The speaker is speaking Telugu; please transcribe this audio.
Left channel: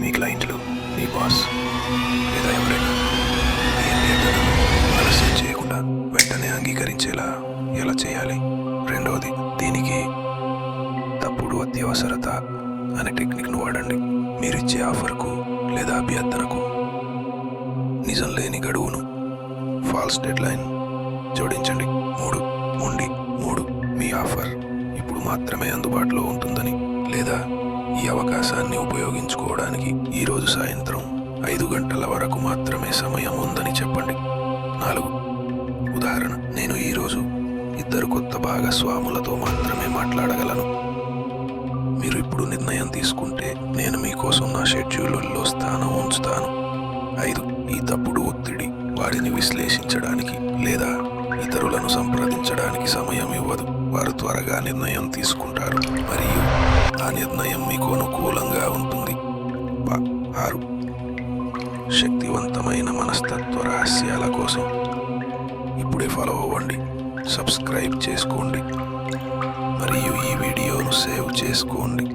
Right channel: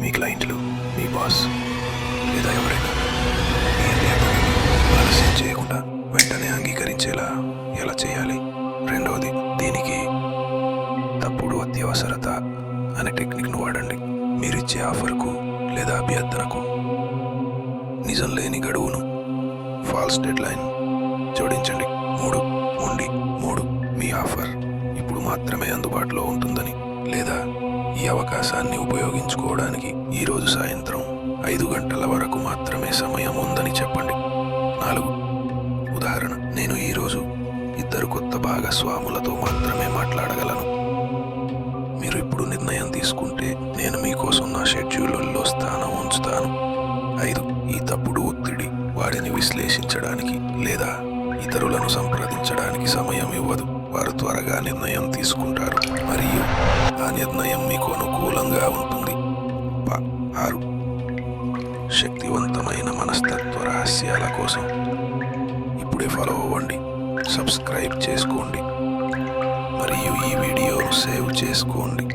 మీ క్లయింట్లు, మీ బాస్ లేదా ఎవరైనా మీ అభ్యర్థనను ఆలస్యం చేయకుండా వెంటనే అంగీకరించేలా ఎలా చేయాలి? రెండవది, దీనికి తప్పుడు అత్యవసరత అనే టెక్నిక్ను వాడండి. మీరిచ్చే ఆఫర్కు లేదా అభ్యర్థనకు నిజం లేని గడువును, ఫాల్స్ డెడ్లైన్ జోడించండి. 3 మీ ఆఫర్ ఇప్పుడు మాత్రమే అందుబాటులో ఉంటుందని లేదా ఈ అవకాశాన్ని ఉపయోగించుకోవడానికి ఈరోజు సాయంత్రం 5 గంటల వరకు మాత్రమే సమయం ఉందని చెప్పండి. 4 ఉదాహరణ, నేను ఈరోజు 2 కొత్త భాగస్వాములతో మాత్రమే మాట్లాడగలను. మీరు ఇప్పుడు నిర్ణయం తీసుకుంటే నేను మీకోసం నా షెడ్యూల్లో స్థానం ఉంచుతాను. 5 ఈ తప్పుడు ఒత్తిడి వారిని విశ్లేషించడానికి లేదా ఇతరులను సంప్రదించడానికి సమయం ఇవ్వదు. వారు త్వరగా నిర్ణయం తీసుకుంటారు మరియు ఆ నిర్ణయం మీకు అనుకూలంగా ఉంటుంది. 6 శక్తివంతమైన మనస్తత్వ రహస్యాల కోసం ఇప్పుడే ఫాలో అవ్వండి, సబ్స్క్రైబ్ చేసుకోండి మరియు ఈ వీడియోను సేవ్ చేసుకోండి.